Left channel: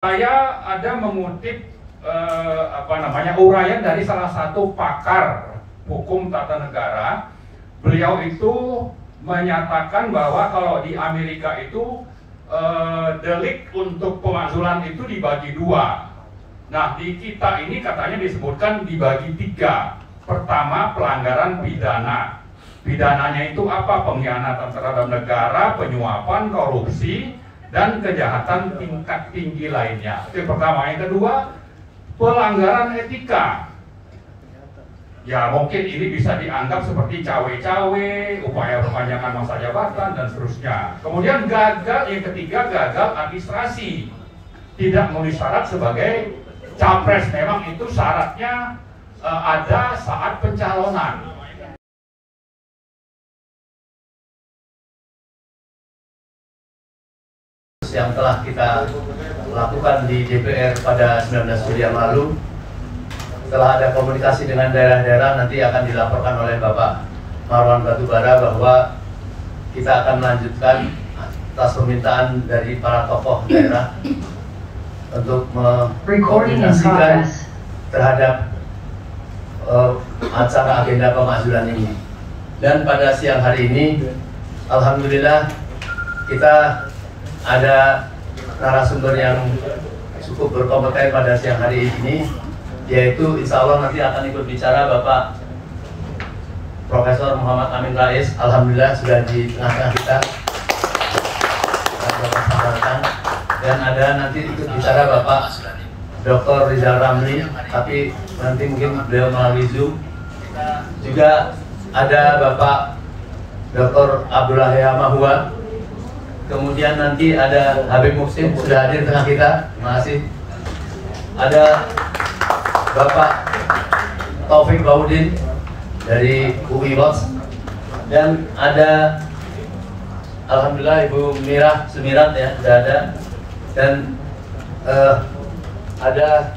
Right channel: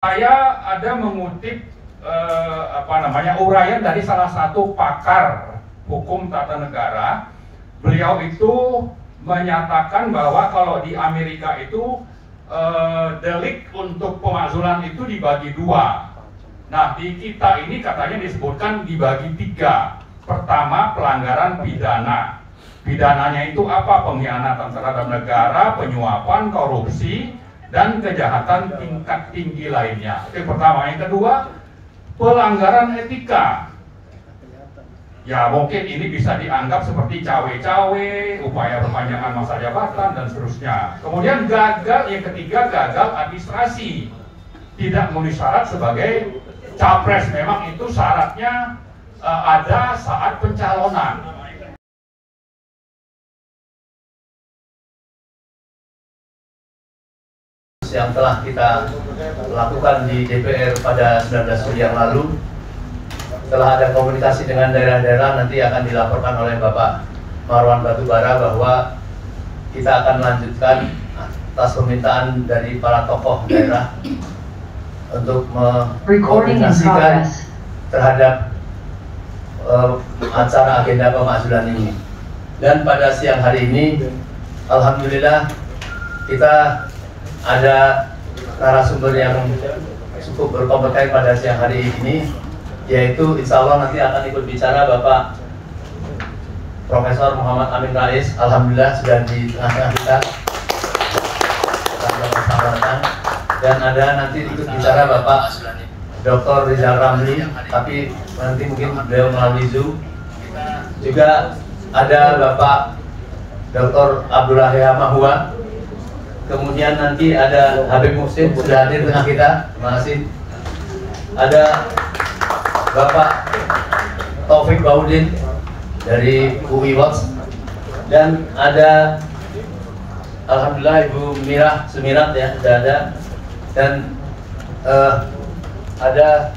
Saya ada mengutip uraian dari salah satu pakar hukum tata negara. Beliau itu menyatakan bahwa kalau di Amerika itu delik untuk pemakzulan itu dibagi dua. Nah, di kita ini katanya disebutkan dibagi tiga. Pertama, pelanggaran pidana. Pidananya itu apa? Pengkhianatan terhadap negara, penyuapan, korupsi, dan kejahatan tingkat tinggi lainnya. Itu yang pertama. Yang kedua, pelanggaran etika. Ya, mungkin ini bisa dianggap seperti cawe-cawe, upaya perpanjangan masa jabatan, dan seterusnya. Kemudian gagal, yang ketiga, gagal administrasi. Tidak memenuhi syarat sebagai capres. Memang itu syaratnya ada saat pencalonan. Yang telah kita lakukan di DPR pada 19 Juli yang lalu, telah ada komunikasi dengan daerah-daerah, nanti akan dilaporkan oleh Bapak Marwan Batubara bahwa kita akan melanjutkan atas permintaan dari para tokoh daerah untuk mengkoordinasikan terhadap acara agenda pemakzulan ini. Dan pada siang hari ini, alhamdulillah kita ada narasumber yang cukup berkompeten pada siang hari ini, yaitu insya Allah nanti akan ikut bicara Bapak Profesor Muhammad Amin Rais. Alhamdulillah sudah di tengah-tengah kita. Dan ada nanti ikut bicara Bapak Dr. Rizal Ramli, tapi nanti mungkin beliau melalui Zoom. Juga ada Bapak Dr. Abdullah Mahua. Kemudian nanti ada Habib Muhsin sudah hadir tengah kita, terima kasih. Ada Bapak Taufik Baudin dari UI Watch, dan ada alhamdulillah Ibu Mirah Sumirat ya sudah ada, dan ada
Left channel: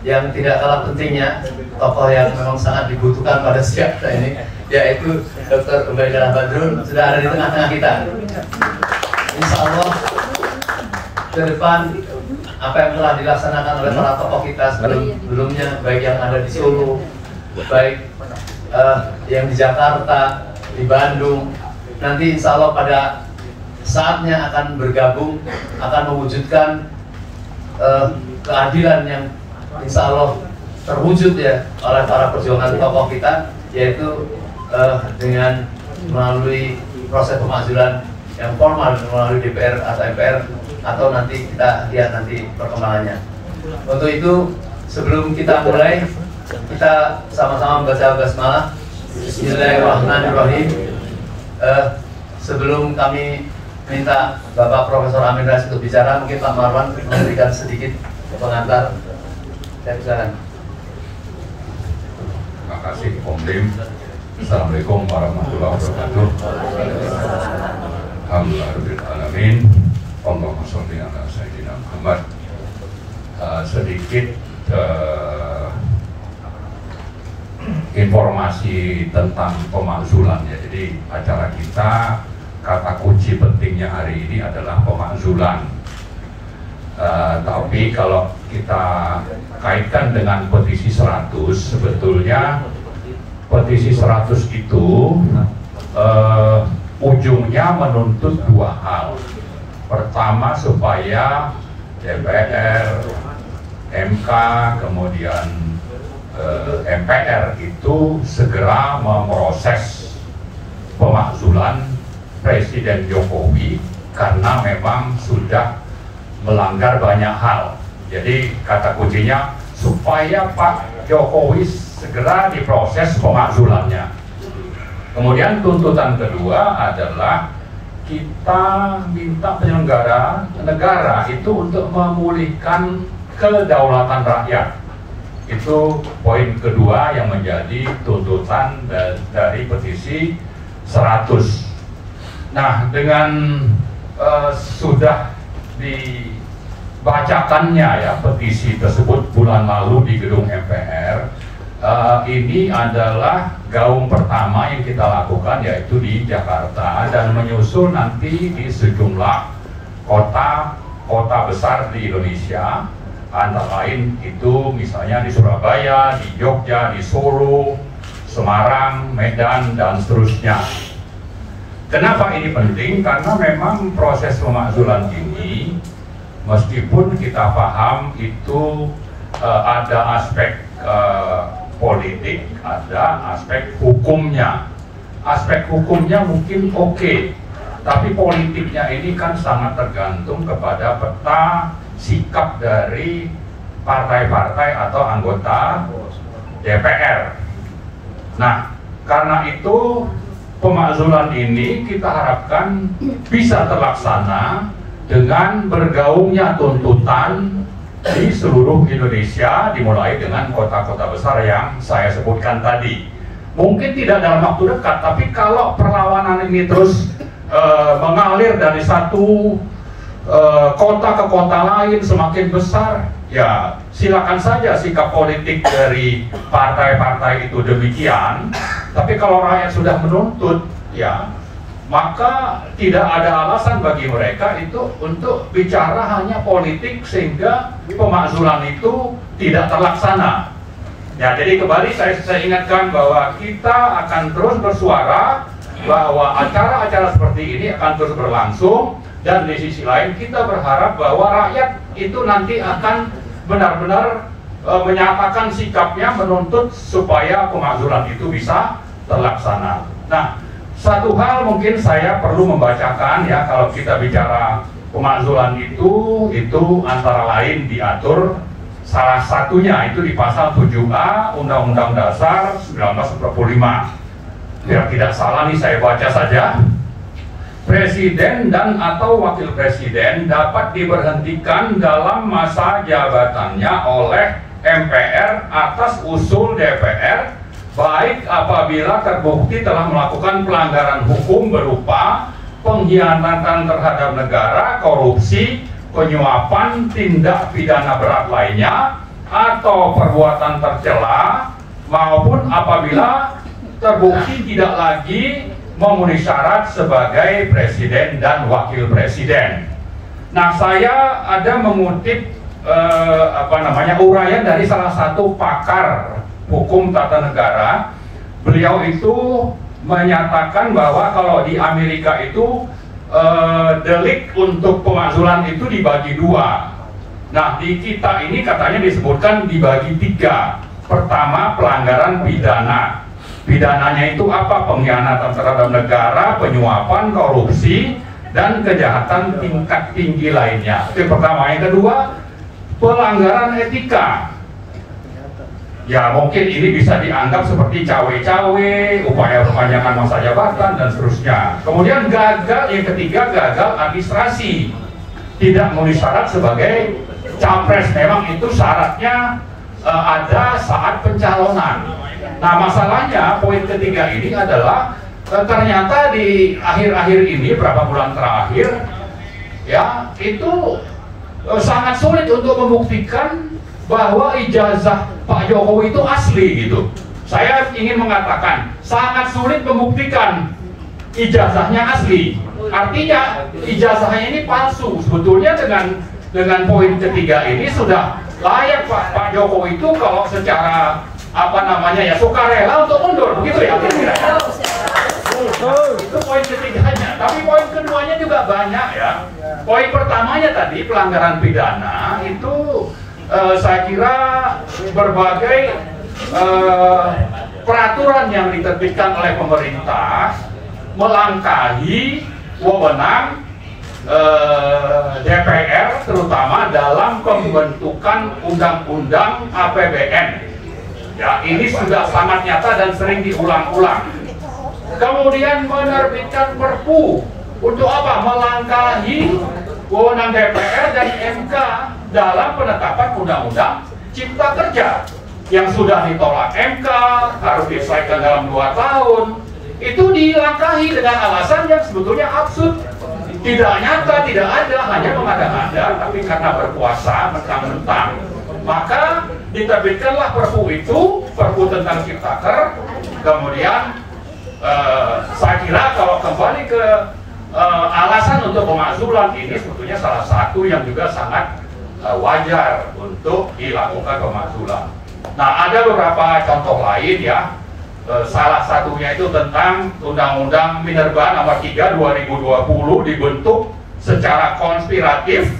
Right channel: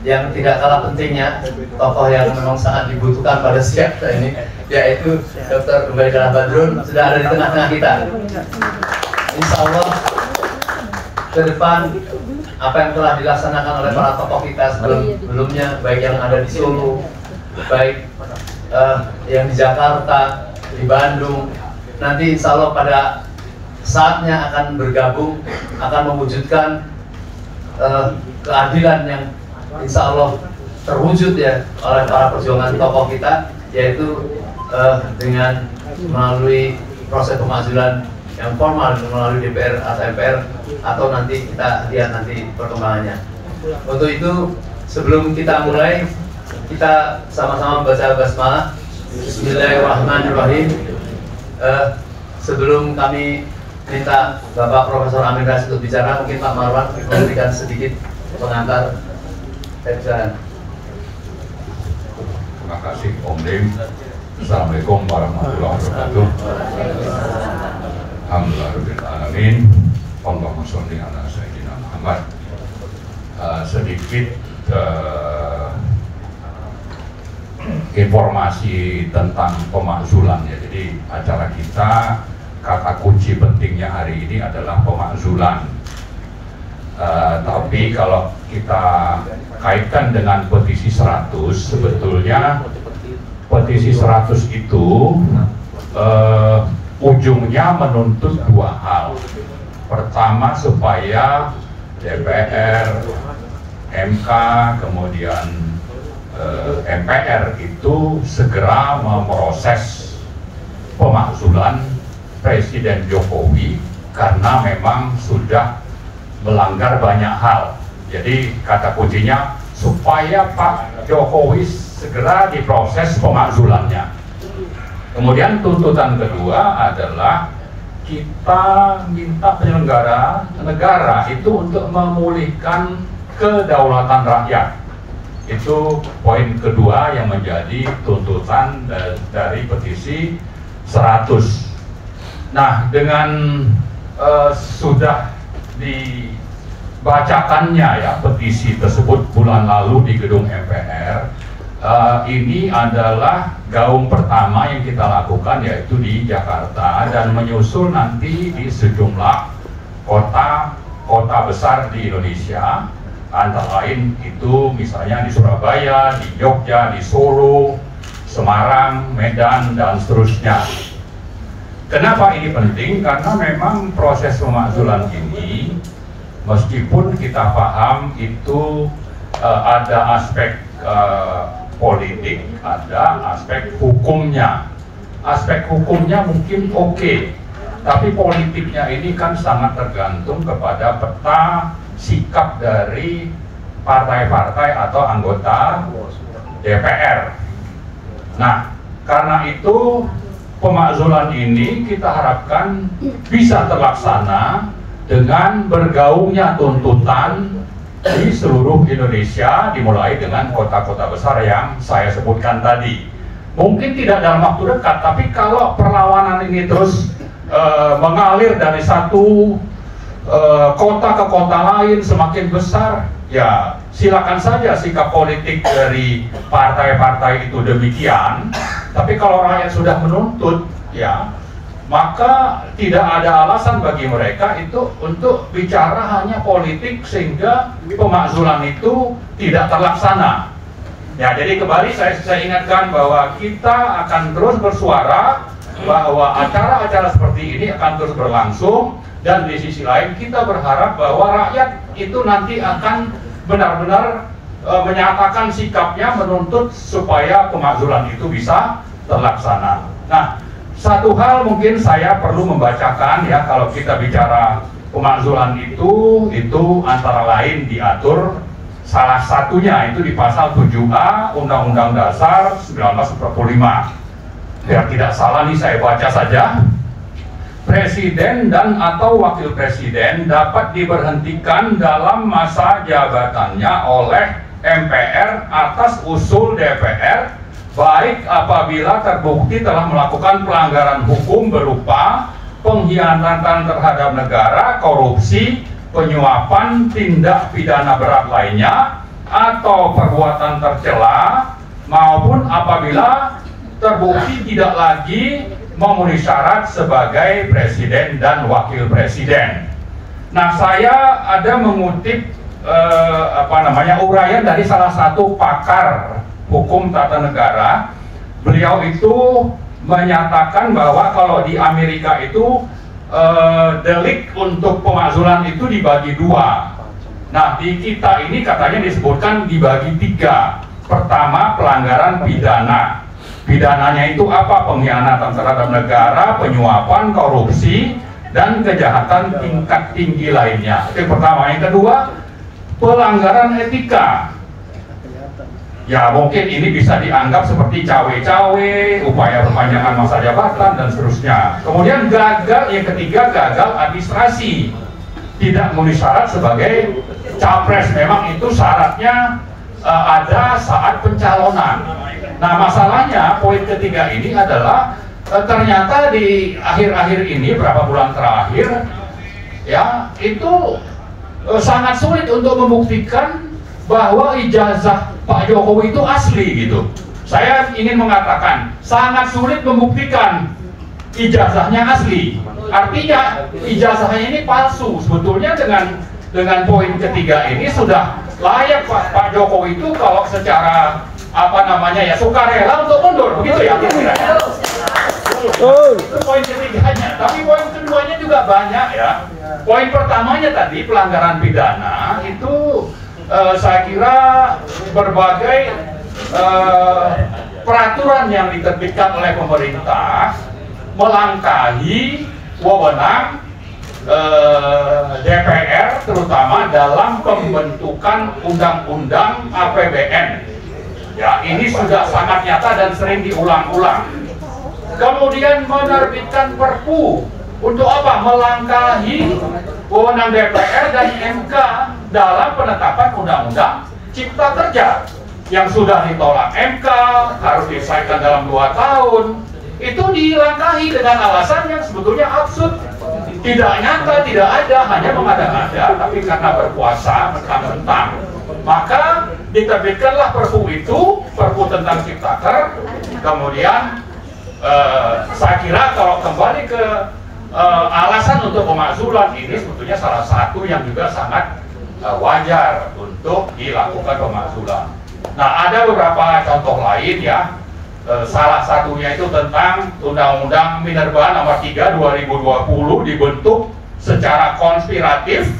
yang tidak kalah pentingnya, tokoh yang memang sangat dibutuhkan pada siang ini, yaitu Dr. Ubaidah Badrun sudah ada di tengah-tengah kita. Insya Allah ke depan apa yang telah dilaksanakan oleh para tokoh kita sebelumnya, baik yang ada di Solo, baik yang di Jakarta, di Bandung, nanti insya Allah pada saatnya akan bergabung, akan mewujudkan keadilan yang insya Allah terwujud ya oleh para perjuangan tokoh kita, yaitu dengan melalui proses pemakzulan yang formal melalui DPR atau MPR, atau nanti kita lihat nanti perkembangannya. Untuk itu, sebelum kita mulai, kita sama-sama membaca basmalah. Bismillahirrahmanirrahim. Sebelum kami minta Bapak Profesor Amin Rais untuk bicara, mungkin Pak Marwan memberikan sedikit pengantar. Saya persilakan. Terima kasih Om Lim. Assalamualaikum warahmatullahi wabarakatuh. Alhamdulillahirrahmanirrahim. Allahumma sholli ala sayyidina Muhammad. Sedikit informasi tentang pemakzulan ya. Jadi acara kita, kata kunci pentingnya hari ini adalah pemakzulan. Tapi kalau kita kaitkan dengan petisi 100, sebetulnya petisi 100 itu ujungnya menuntut dua hal. Pertama, supaya DPR, MK, kemudian MPR itu segera memproses pemakzulan Presiden Jokowi karena memang sudah melanggar banyak hal. Jadi kata kuncinya supaya Pak Jokowi segera diproses pemakzulannya. Kemudian tuntutan kedua adalah kita minta penyelenggara negara itu untuk memulihkan kedaulatan rakyat. Itu poin kedua yang menjadi tuntutan dari petisi 100. Nah, dengan sudah dibacakannya ya petisi tersebut bulan lalu di gedung MPR, ini adalah gaung pertama yang kita lakukan, yaitu di Jakarta, dan menyusul nanti di sejumlah kota kota besar di Indonesia, antara lain itu misalnya di Surabaya, di Jogja, di Solo, Semarang, Medan, dan seterusnya. Kenapa ini penting? Karena memang proses pemakzulan ini, meskipun kita paham itu ada aspek politik, ada aspek hukumnya. Aspek hukumnya mungkin oke, tapi politiknya ini kan sangat tergantung kepada peta sikap dari partai-partai atau anggota DPR. Nah, karena itu pemakzulan ini kita harapkan bisa terlaksana dengan bergaungnya tuntutan di seluruh Indonesia, dimulai dengan kota-kota besar yang saya sebutkan tadi. Mungkin tidak dalam waktu dekat, tapi kalau perlawanan ini terus mengalir dari satu kota ke kota lain semakin besar, ya silakan saja sikap politik dari partai-partai itu demikian. Tapi kalau rakyat sudah menuntut, ya maka tidak ada alasan bagi mereka itu untuk bicara hanya politik sehingga pemakzulan itu tidak terlaksana. Ya, jadi kembali saya ingatkan bahwa kita akan terus bersuara bahwa acara-acara seperti ini akan terus berlangsung, dan di sisi lain kita berharap bahwa rakyat itu nanti akan benar-benar menyatakan sikapnya menuntut supaya pemakzulan itu bisa terlaksana. Nah, satu hal mungkin saya perlu membacakan ya, kalau kita bicara pemakzulan itu antara lain diatur salah satunya itu di pasal 7A Undang-Undang Dasar 1945. Biar tidak salah nih saya baca saja. Presiden dan atau wakil presiden dapat diberhentikan dalam masa jabatannya oleh MPR atas usul DPR, baik apabila terbukti telah melakukan pelanggaran hukum berupa pengkhianatan terhadap negara, korupsi, penyuapan, tindak pidana berat lainnya, atau perbuatan tercela, maupun apabila terbukti tidak lagi memenuhi syarat sebagai presiden dan wakil presiden. Nah, saya ada mengutip uraian dari salah satu pakar hukum tata negara. Beliau itu menyatakan bahwa kalau di Amerika itu delik untuk pemakzulan itu dibagi dua. Nah, di kita ini katanya disebutkan dibagi tiga. Pertama, pelanggaran pidana. Pidananya itu apa? Pengkhianatan terhadap negara, penyuapan, korupsi, dan kejahatan tingkat tinggi lainnya. Itu yang pertama. Yang kedua, pelanggaran etika. Ya, mungkin ini bisa dianggap seperti cawe-cawe, upaya perpanjangan masa jabatan, dan seterusnya. Kemudian gagal, yang ketiga gagal administrasi, tidak memenuhi syarat sebagai capres. Memang itu syaratnya ada saat pencalonan. Nah, masalahnya poin ketiga ini adalah ternyata di akhir-akhir ini, berapa bulan terakhir, ya itu sangat sulit untuk membuktikan bahwa ijazah Pak Jokowi itu asli gitu. Saya ingin mengatakan sangat sulit membuktikan ijazahnya asli. Artinya ijazahnya ini palsu. Sebetulnya dengan poin ketiga ini sudah layak Pak Jokowi itu kalau secara sukarela untuk mundur, begitu ya kira-kira. Itu poin ketiganya. Tapi poin keduanya juga banyak ya. Poin pertamanya tadi pelanggaran pidana itu saya kira berbagai peraturan yang diterbitkan oleh pemerintah melangkahi wewenang DPR, terutama dalam pembentukan undang-undang APBN. Ya, ini sudah sangat nyata dan sering diulang-ulang. Kemudian menerbitkan Perpu untuk apa? Melangkahi wewenang DPR dan MK dalam penetapan undang-undang Cipta Kerja yang sudah ditolak MK, harus diselesaikan dalam 2 tahun. Itu dilangkahi dengan alasan yang sebetulnya absurd, tidak nyata, tidak ada, hanya mengada-ngada, tapi karena berkuasa mentang-mentang. Maka diterbitkanlah Perpu itu, Perpu tentang Ciptaker. Kemudian saya kira kalau kembali ke alasan untuk pemakzulan ini sebetulnya salah satu yang juga sangat wajar untuk dilakukan pemakzulan. Nah, ada beberapa contoh lain ya. Salah satunya itu tentang Undang-Undang Minerba Nomor 3 2020 dibentuk secara konspiratif.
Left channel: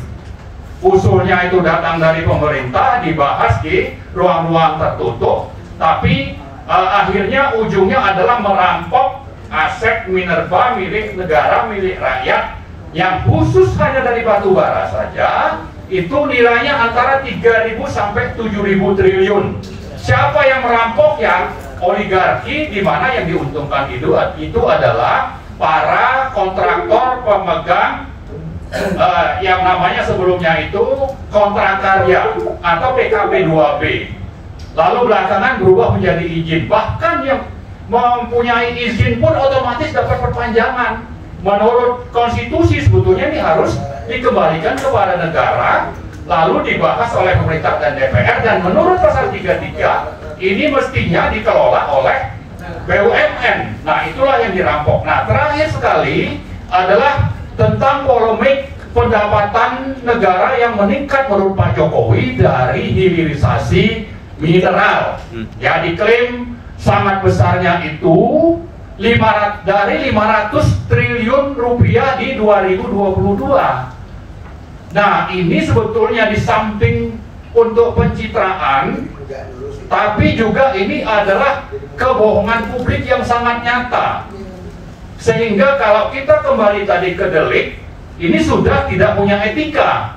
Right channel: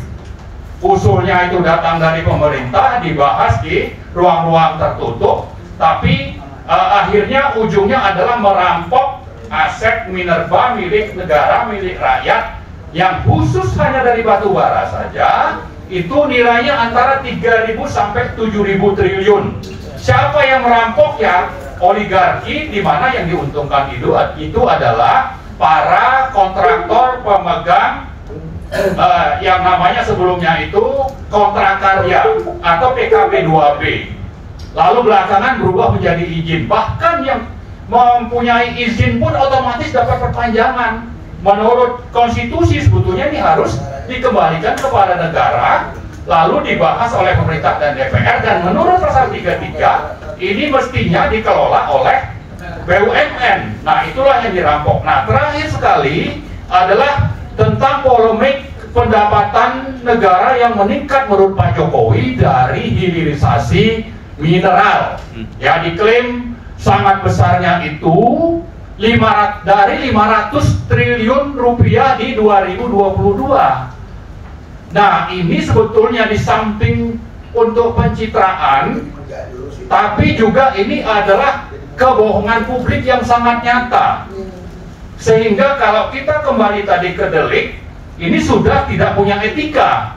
Usulnya itu datang dari pemerintah, dibahas di ruang-ruang tertutup, tapi akhirnya ujungnya adalah merampok aset Minerba milik negara, milik rakyat, yang khusus hanya dari batu bara saja itu nilainya antara 3.000 sampai 7.000 triliun. Siapa yang merampok? Ya oligarki, di mana yang diuntungkan itu adalah para kontraktor pemegang yang namanya sebelumnya itu kontrak karya atau PKP 2B. Lalu belakangan berubah menjadi izin. Bahkan yang mempunyai izin pun otomatis dapat perpanjangan. Menurut konstitusi sebetulnya ini harus dikembalikan kepada negara, lalu dibahas oleh pemerintah dan DPR, dan menurut pasal 33 ini mestinya dikelola oleh BUMN. Nah, itulah yang dirampok. Nah, terakhir sekali adalah tentang polemik pendapatan negara yang meningkat menurut Pak Jokowi dari hilirisasi mineral. Ya, diklaim sangat besarnya itu dari 500 triliun rupiah di 2022. Nah, ini sebetulnya di samping untuk pencitraan, tapi juga ini adalah kebohongan publik yang sangat nyata. Sehingga kalau kita kembali tadi ke delik, ini sudah tidak punya etika,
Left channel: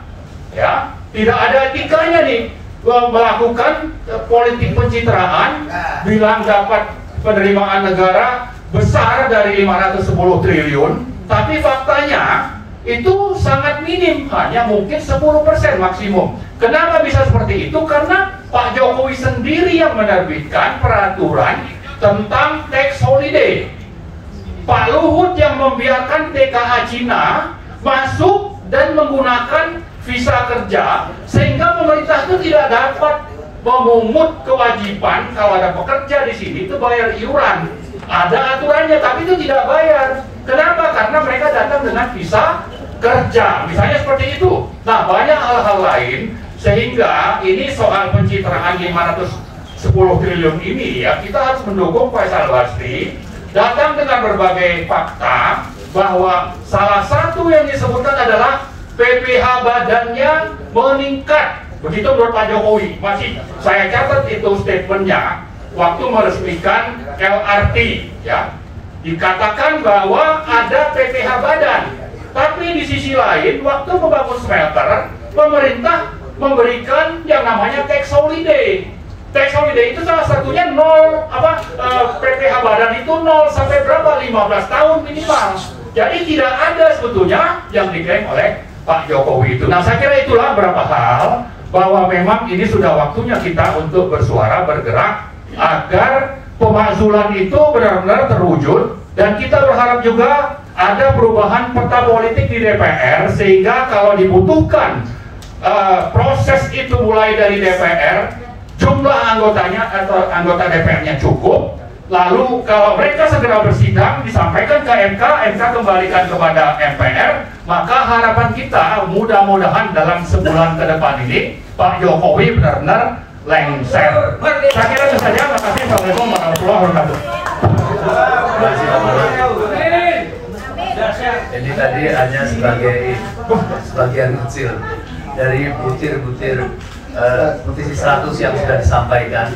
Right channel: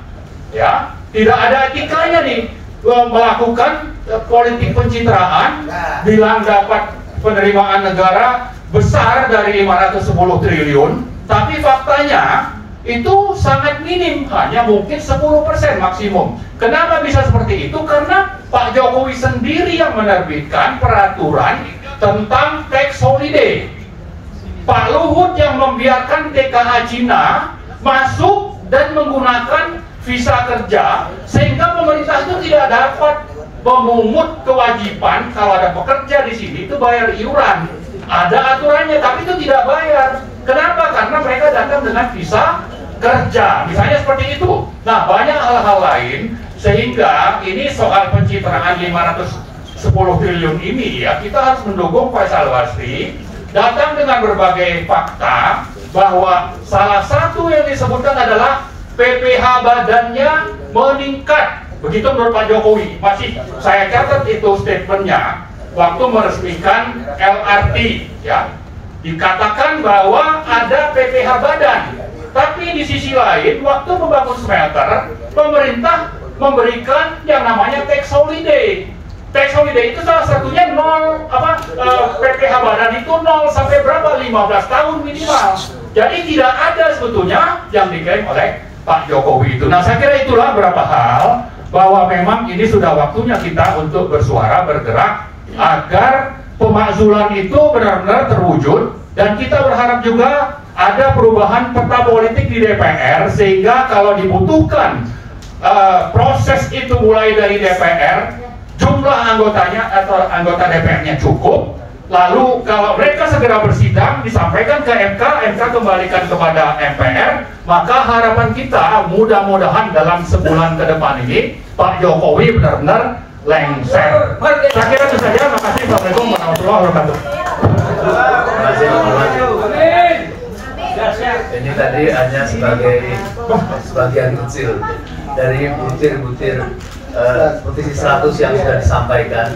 ya, tidak ada etikanya nih melakukan politik pencitraan, bilang dapat penerimaan negara besar dari 510 triliun, tapi faktanya itu sangat minim, hanya mungkin 10% maksimum. Kenapa bisa seperti itu? Karena Pak Jokowi sendiri yang menerbitkan peraturan tentang tax holiday. Pak Luhut yang membiarkan TKA Cina masuk dan menggunakan visa kerja, sehingga pemerintah itu tidak dapat memungut kewajiban kalau ada pekerja di sini itu bayar iuran. Ada aturannya, tapi itu tidak bayar. Kenapa? Karena mereka datang dengan visa kerja, misalnya seperti itu. Nah, banyak hal-hal lain, sehingga ini soal pencitraan 510 triliun ini ya, kita harus mendukung Faisal Basri datang dengan berbagai fakta bahwa salah satu yang disebutkan adalah PPh badannya meningkat. Begitu menurut Pak Jokowi. Masih saya catat itu statementnya waktu meresmikan LRT ya, dikatakan bahwa ada PPh badan. Tapi di sisi lain, waktu membangun smelter, pemerintah memberikan yang namanya tax holiday. Tax holiday itu salah satunya PPh badan itu 0 sampai berapa? 15 tahun minimal. Jadi tidak ada sebetulnya yang diklaim oleh Pak Jokowi itu. Nah, saya kira itulah beberapa hal bahwa memang ini sudah waktunya kita untuk bersuara, bergerak agar pemakzulan itu benar-benar terwujud, dan kita berharap juga ada perubahan peta politik di DPR, sehingga kalau dibutuhkan proses itu mulai dari DPR, jumlah anggotanya atau anggota DPR-nya cukup, lalu kalau mereka segera bersidang disampaikan ke MK, MK kembalikan kepada MPR, maka harapan kita mudah-mudahan dalam sebulan ke depan ini Pak Jokowi benar-benar lengser. Saya kira itu saja. Terima kasih. Assalamualaikum warahmatullahi wabarakatuh. Ini tadi hanya sebagian kecil dari butir-butir petisi 100 yang sudah disampaikan,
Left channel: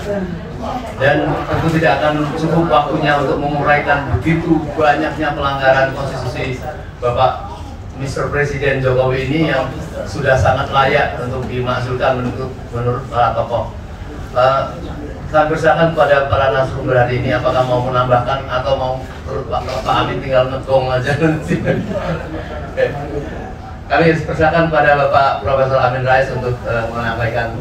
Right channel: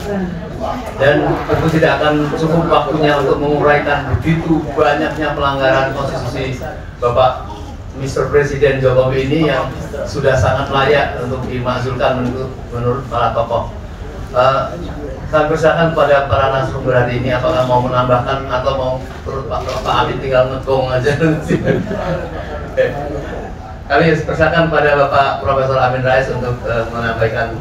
dan tentu tidak akan cukup waktunya untuk menguraikan begitu banyaknya pelanggaran konstitusi Bapak Mr. Presiden Jokowi ini yang sudah sangat layak untuk dimakzulkan menurut para tokoh. Saya persilakan kepada para narasumber hari ini, apakah mau menambahkan atau mau menurut Pak Amin tinggal ngegong aja. Kami persilakan pada Bapak Profesor Amin Rais untuk menyampaikan